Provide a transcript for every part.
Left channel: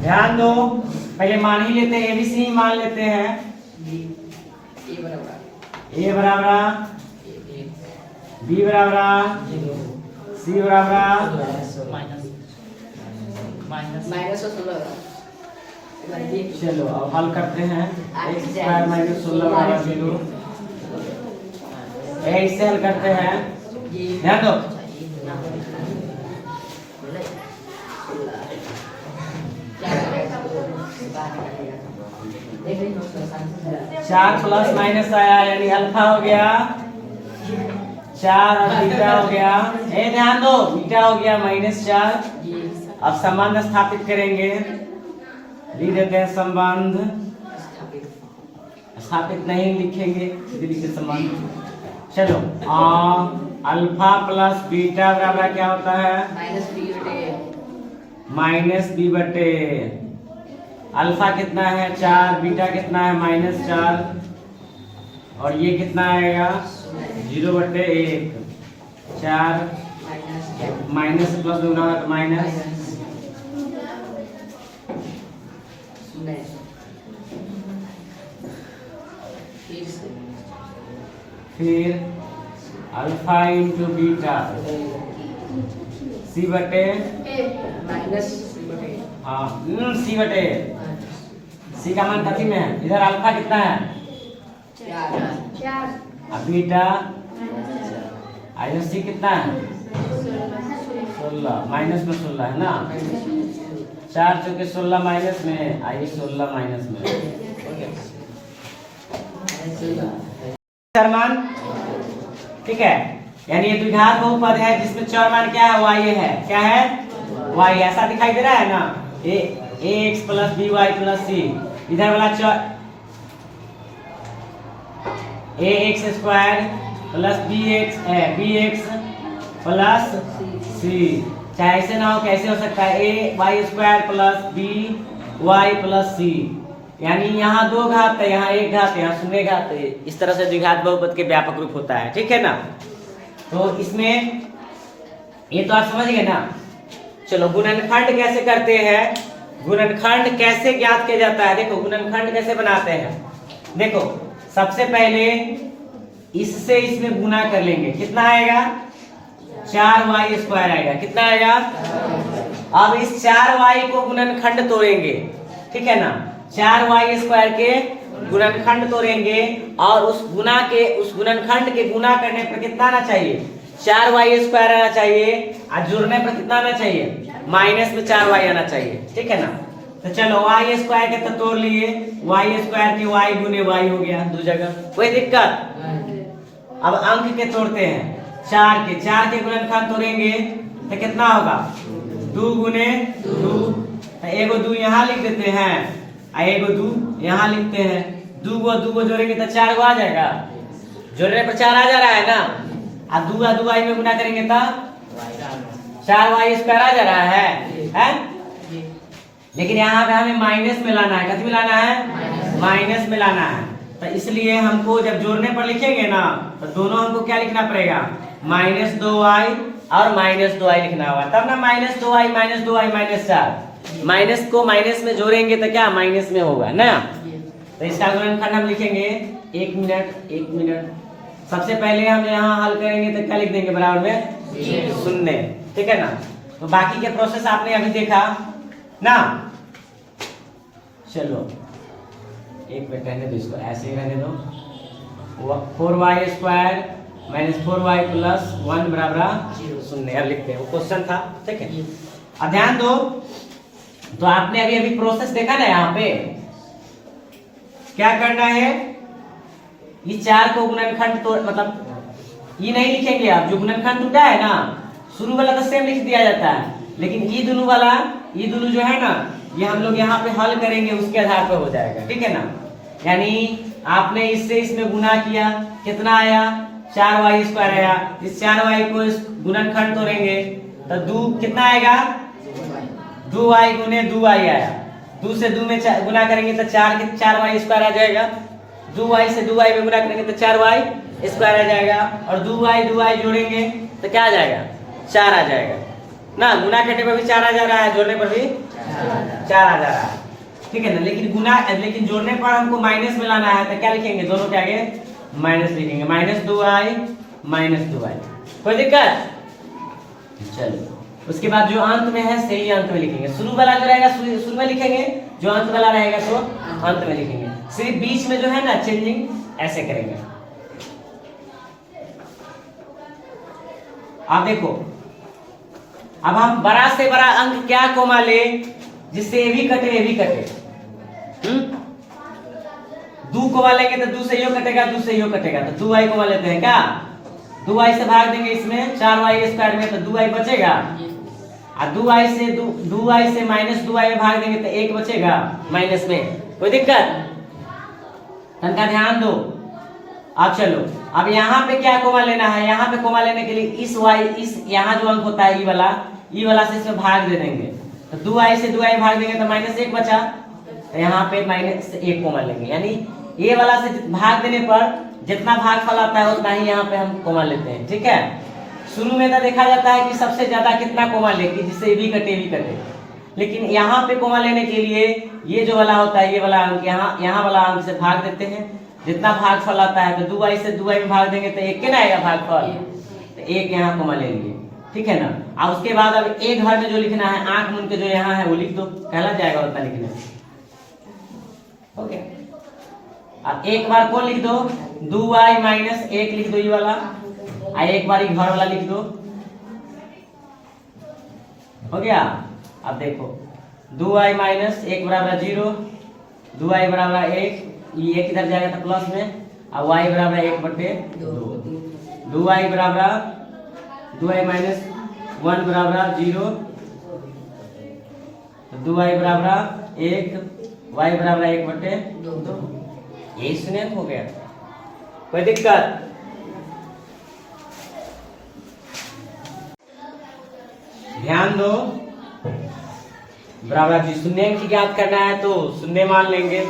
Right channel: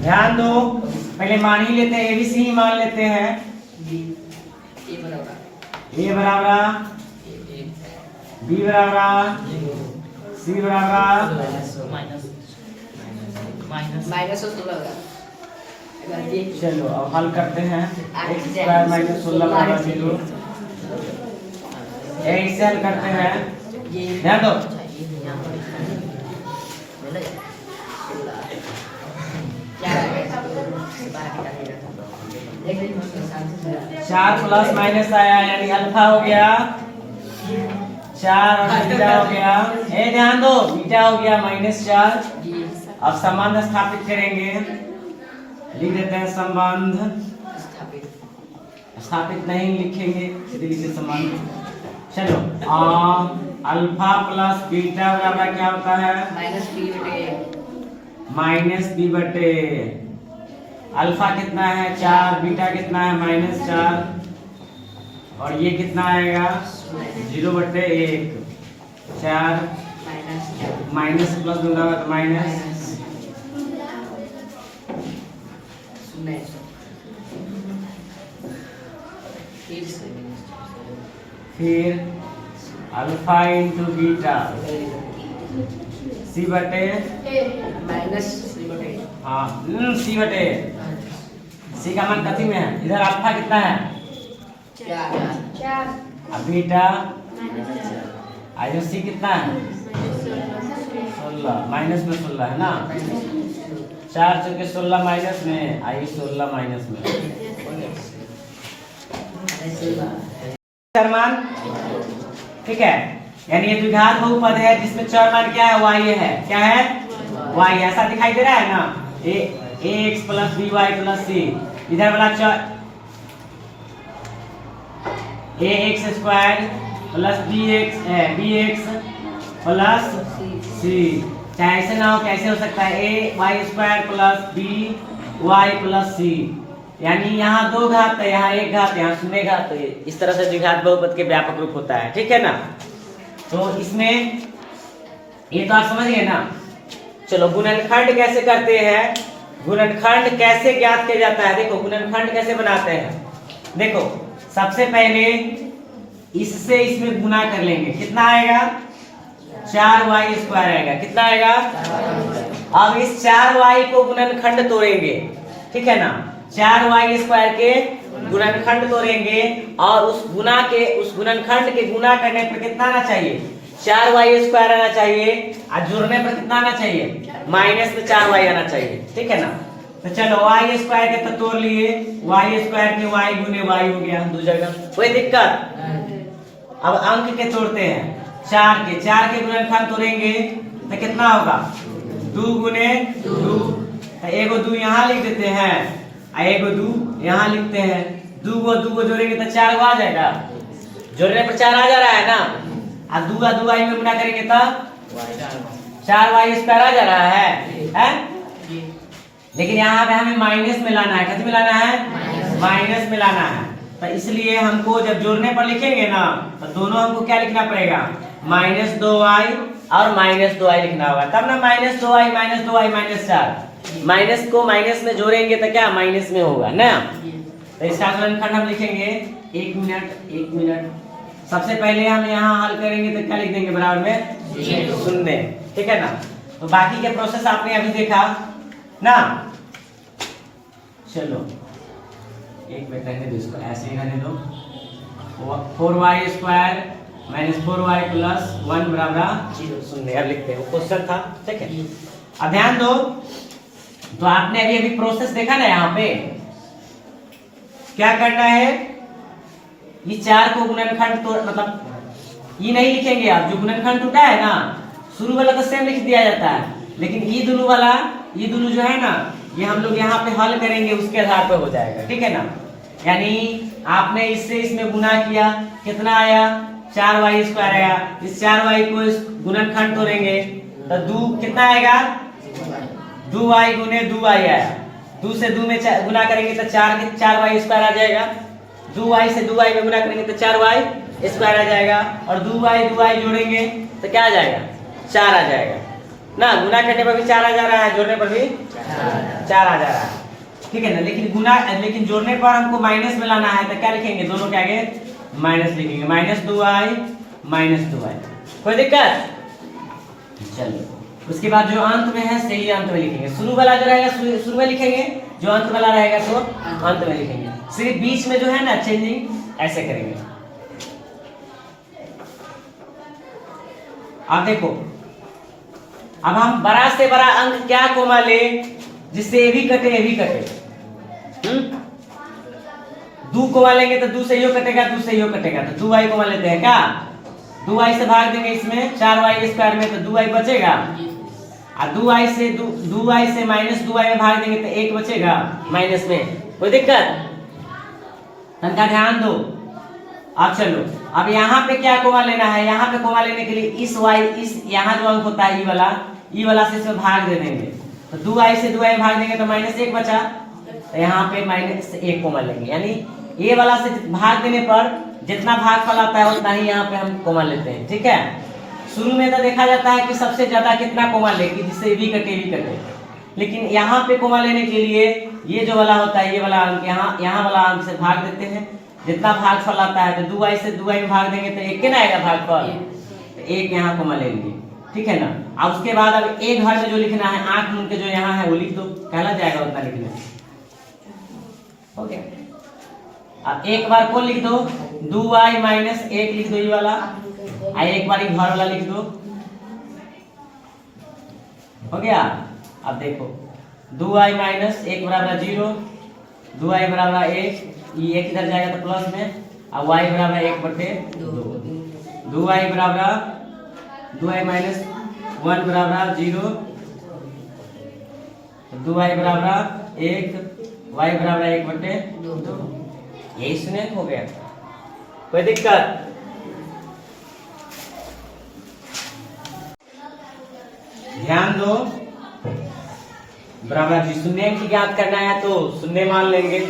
ध्यान दो, पहले मान ही लेते हैं, एबीसी ही मान लेते हैं। ए बराबर बी बराबर सी बराबर चलो अब हल करते हैं। एक्स स्क्वायर माइनस 16 बराबर 0। एक्स हल करते हैं, ध्यान दो। चार प्लस माइनस आया यानी अल्फा हो गया 4 और बीटा हो गया, ध्यान दो, बीटा हो गया -4। अब संबंध स्थापित करेंगे, लिख देते हैं संबंध। स्थापित नहीं लिखेंगे, सीधे लिखे संबंध। चलो अल्फा प्लस बीटा बराबर क्या होता है? -b बटे अल्फा कितना है 4, बीटा कितना है -4, और ये कितना आएगा 0/1। 4 माइनस प्लस दूंगा तो माइनस, फिर अल्फा इंटू बीटा सी बटे हाँ सी बटे सी का मान कथी में है? इधर अल्फा कितना है 4, अब बीटा सी कितना है 16, माइनस में 16 है ना। 4 चूंकि 16 माइनस में, आइए 16 माइनस में मान, ठीक है। यानी ये द्विघात बहुपद है जिसमें चर मान क्या है? y है। क्या है? y, ऐसा दिखाई दे रहा है ना। ax plus by plus c, इधर वाला चर ax square plus bx plus c, चाहे ऐसे ना हो, कैसे हो सकता है? ay square plus by plus c, यानी यहाँ 2 घात है, यहाँ 1 घात है, यहाँ 0 घात है। इस तरह से द्विघात बहुपद के व्यापक रूप होता है, ठीक है ना। तो इसमें ये तो आप समझ गए ना। चलो गुणनखंड कैसे करते हैं, गुणनखंड कैसे ज्ञात किया जाता है? देखो गुणनखंड कैसे बनाते हैं। देखो सबसे पहले इससे इसमें गुना कर लेंगे, कितना आएगा 4y स्क्वायर आएगा। कितना आएगा? अब इस 4y को गुणनखंड तोड़ेंगे, ठीक है ना। 4y स्क्वायर के गुणनखंड तोड़ेंगे और उस गुणनखंड के गुना करने पर कितना आना चाहिए? 4y स्क्वायर आना चाहिए, और जुड़ने पर कितना आना चाहिए? माइनस में 4y आना चाहिए, ठीक है ना। तो चलो y स्क्वायर के तो तोड़ लिए, y स्क्वायर के y गुने y हो गया 2 जगह, कोई दिक्कत? अब अंक के तोड़ते हैं, 4 के गुणनखंड तोड़ेंगे तो कितना होगा? 2 गुने 2, तो एगो 2 यहाँ लिख देते हैं, एगो 2 यहाँ लिखते हैं। 2 को जोड़ेंगे तो 4 आ जाएगा, जोड़ने पर 4 आ जा रहा है ना। अब 2 में गुना करेंगे तो 4y स्क्वायर आ जा रहा है? लेकिन यहाँ पे हमें माइनस में लाना है। कथी में लाना है? माइनस में लाना है। तो इसलिए हमको जब जोड़ने पर लिखेंगे ना, तो दोनों हमको क्या लिखना पड़ेगा? -2y और -2y लिखना होगा, तब ना -2y -4। माइनस को माइनस में जोड़ेंगे तो क्या माइनस में होगा ना। तो इसका गुणनखंड हम लिखेंगे, 1 मिनट। सबसे पहले हम यहाँ हल करेंगे तो क्या लिख देंगे? बराबर में 0, ठीक है ना। तो बाकी के प्रोसेस आपने अभी देखा ना। चलो 1 मिनट रहने दो, इसको ऐसे ही रहने दो। 4y square minus 4y plus 1 बराबर 0 लिखते हैं, वो क्वेश्चन था, ठीक है। अब ध्यान दो, तो आपने अभी प्रोसेस देखा ना। यहाँ पे क्या करना है? ये 4 को गुणनखंड तो मतलब ये नहीं लिखेंगे आप, जो गुणनखंड टूटा है ना, शुरू वाला तो सेम लिख दिया जाता है, लेकिन ये दोनों जो है ना, ये हम लोग यहाँ पे हल करेंगे, उसके आधार पर हो जाएगा, ठीक है ना। यानी आपने इससे इसमें गुना किया, कितना आया? 4y स्क्वायर आया। इस 4y को इस गुणनखंड तोड़ेंगे तो 2 कितना आएगा? 2y गुने 2y आया। 2 से 2 में गुना करेंगे तो 4y स्क्वायर आ जाएगा। 2y से 2y में गुना करेंगे तो 4y स्क्वायर आ जाएगा, और 2y जोड़ेंगे तो क्या आ जाएगा? 4 आ जाएगा। ना, गुना करने पर भी 4 आ जा रहा है, जोड़ने पर भी 4 आ जा रहा है, ठीक है ना। लेकिन जोड़ने पर हमको माइनस में लाना है, तो क्या लिखेंगे, दोनों के आगे माइनस लिखेंगे, -2i, कोई दिक्कत। चलो उसके बाद जो अंत में है सही अंत में लिखेंगे, शुरू वाला जो रहेगा शुरू में लिखेंगे, जो अंत वाला रहेगा तो अंत में लिखेंगे, सिर्फ बीच में जो है ना चेंजिंग ऐसे करेंगे। आप देखो, अब हम बड़ा से बड़ा अंक क्या कोमा ले जिससे ये भी कटे, 2 कोमा लेंगे तो 2 से यो कटेगा, तो 2i कोमा लेते हैं क्या, 2i से भाग देंगे इसमें 4y² में, तो 2i बचेगा, और 2i से -2i में भाग देंगे तो 1 बचेगा माइनस में, कोई दिक्कत। तनका ध्यान दो। अब चलो, अब यहाँ पे क्या कोमा लेना है, यहाँ पे कोमा लेने के लिए इस यहाँ जो अंक होता है ई वाला से इसमें भाग दे देंगे, तो 2i से 2i भाग देंगे तो -1 बचा, तो यहाँ पे -1 कोमा लेंगे, यानी ये वाला से भाग देने पर जितना भागफल आता है उतना ही यहाँ पे हम कोमा लेते हैं, ठीक है। शुरू में तो देखा जाता है कि सबसे ज्यादा कितना कोमा लेगी जिससे भी कटे, लेकिन यहाँ पे कोमा लेने के लिए ये जो वाला होता है, ये वाला अंक यहाँ वाला अंक से भाग देते हैं, जितना भागफल आता है, तो 2i से 2i में भाग देंगे तो 1 के ना आएगा भागफल, तो 1 यहाँ कोमा ले लिए, ठीक है ना। अब उसके बाद अब एक घर में जो लिखना है, आंख मूंद के जो यहाँ है वो लिख दो, कहला जाएगा उतना लिखने, हो गया। अब एक बार कौन लिख दो, 2i - 1 लिख दो ये वाला, एक बार घर वाला लिख दो, हो गया। अब देखो 2i - 1 बराबर 0, 2i बराबर 1, ये 1 इधर जाएगा तो प्लस में, और y बराबर 1/2, 2i बराबर 2i - 1 बराबर 0, 2i बराबर 1, y बराबर 1/2, यही सुने हो गया, कोई दिक्कत। ध्यान दो, बराबर जी शून्य की ज्ञात करना है तो शून्य मान लेंगे,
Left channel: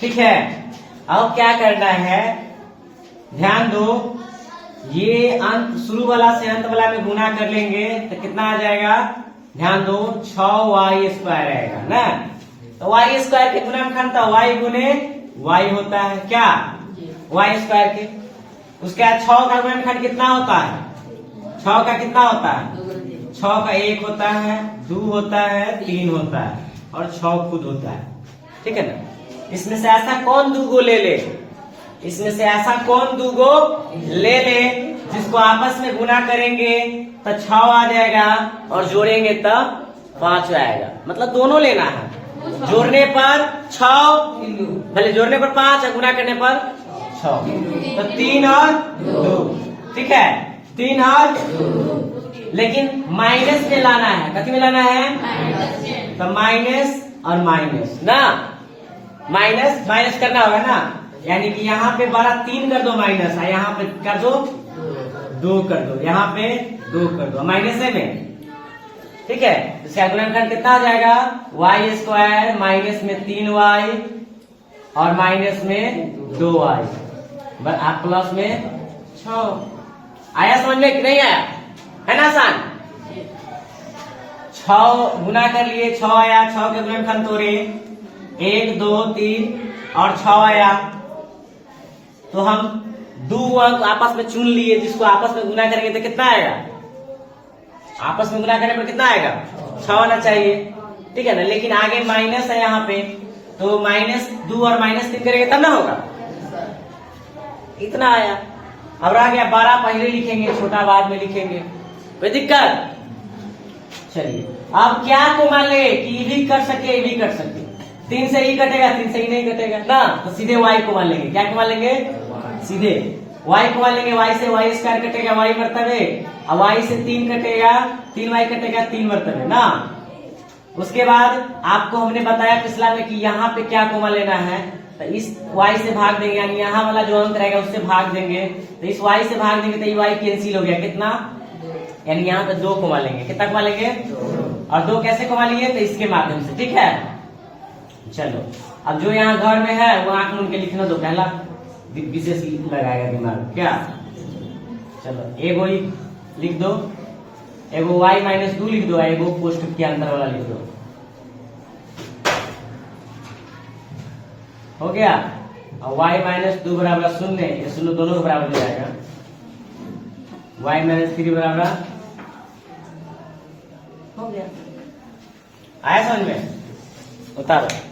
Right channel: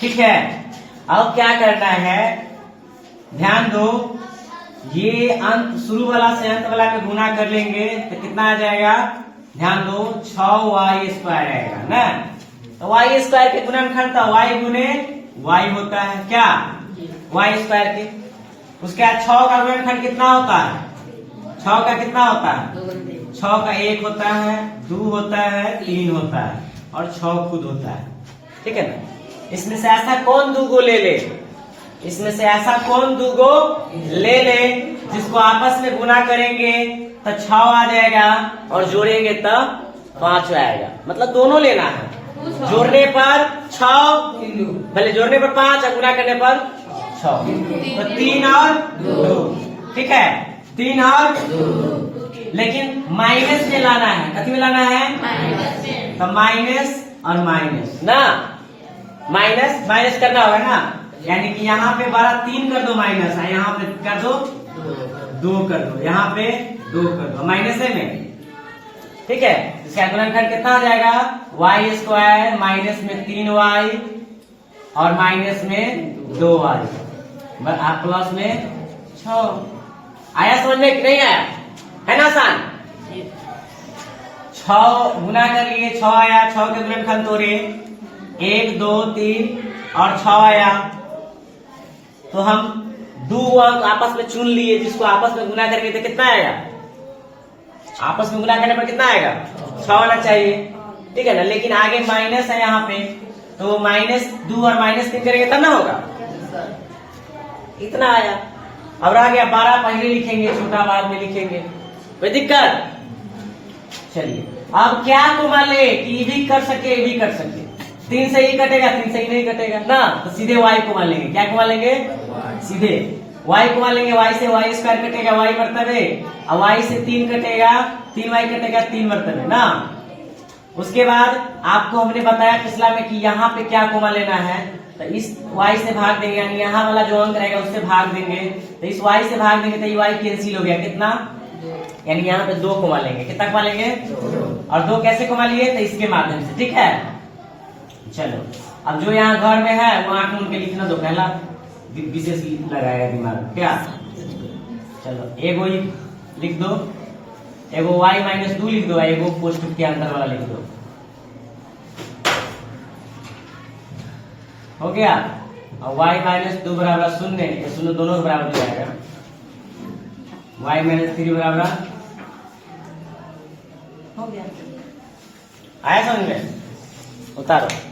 ठीक है। अब क्या करना है, ध्यान दो, ये अंत शुरू वाला से अंत वाला में गुना कर लेंगे तो कितना आ जाएगा, ध्यान दो, 6y² आएगा ना। तो y² के गुणनखंड तो y गुने y होता है क्या, y² के, उसके बाद 6 का गुणनखंड कितना होता है, 6 का कितना होता है, 6 का 1 होता है, 2 होता है, 3 होता है, और 6 खुद होता है, ठीक है ना। इसमें से ऐसा कौन 2 ले ले, इसमें से ऐसा कौन 2 ले ले जिसको आपस में गुना करेंगे तो 6 आ जाएगा, और जोड़ेंगे तो 5 आएगा, मतलब दोनों लेना है, जोड़ने पर 6, भले जोड़ने पर 5 और गुना करने पर 6, तो 3 और 2, ठीक है, 3 और 2, लेकिन माइनस में लाना है, कथी में लाना है, तो माइनस और माइनस ना, माइनस करना होगा ना, यानी कि यहाँ पे 3 कर दो माइनस, और यहाँ पे कर दो 2 कर दो, यहाँ पे 2 कर दो, माइनस में, ठीक है। इसका गुणनखंड कितना हो जाएगा, y² माइनस में 3y और माइनस में 2y, आप प्लस में 6, आया समझ में कि नहीं आया, है ना आसान। 6 गुना कर लिए, 6 आया, 6 के गुणनखंड तोड़े, 1 2 3 और 6 आया, तो हम 2 अंक आपस में चुन लिए, जिसको आपस में गुना करेंगे तो कितना आएगा, आपस में गुना करने पर कितना आएगा, 6 होना चाहिए, ठीक है ना। लेकिन आगे माइनस है यहाँ पे, तो -2 और -3 करेंगे तब ना होगा, इतना आया। अब रह गया 12, पहले लिखेंगे, छोटा बाद में लिखेंगे, कोई दिक्कत। चलिए अब क्या कोमा ले कि ये भी कर सके, ये भी कर सके, 3 से ही कटेगा, 3 से ही नहीं कटेगा ना, तो सीधे y कोमा लेंगे, क्या कोमा लेंगे, सीधे y कोमा लेंगे, y से y² कटेगा, y मर्तबे, और y से 3 कटेगा, 3y कटेगा, 3 मर्तबे ना। उसके बाद आपको हमने बताया पिछला में कि यहाँ पे क्या कोमा लेना है, तो इस y से भाग देंगे, यानी यहाँ वाला जो अंक रहेगा उससे भाग देंगे, तो इस y से भाग देंगे तो ये y कैंसिल हो गया, कितना, यानी यहाँ पे 2 कोमा लेंगे, कितना कोमा लेंगे, और 2 कैसे कोमा लिए, तो इसके माध्यम से, ठीक है। चलो अब जो यहाँ घर में है वो आंख मूंद के लिखना दो, पहला विशेष लगाएगा दिमाग क्या, चलो एगो लिख दो, एगो y माइनस 2 लिख दो, एगो पोस्ट के अंदर वाला लिख दो। हो गया। और y माइनस 2 बराबर 0, ये 0 दोनों के बराबर हो जाएगा। y माइनस 3 बराबर हो गया। आया समझ में? उतारो।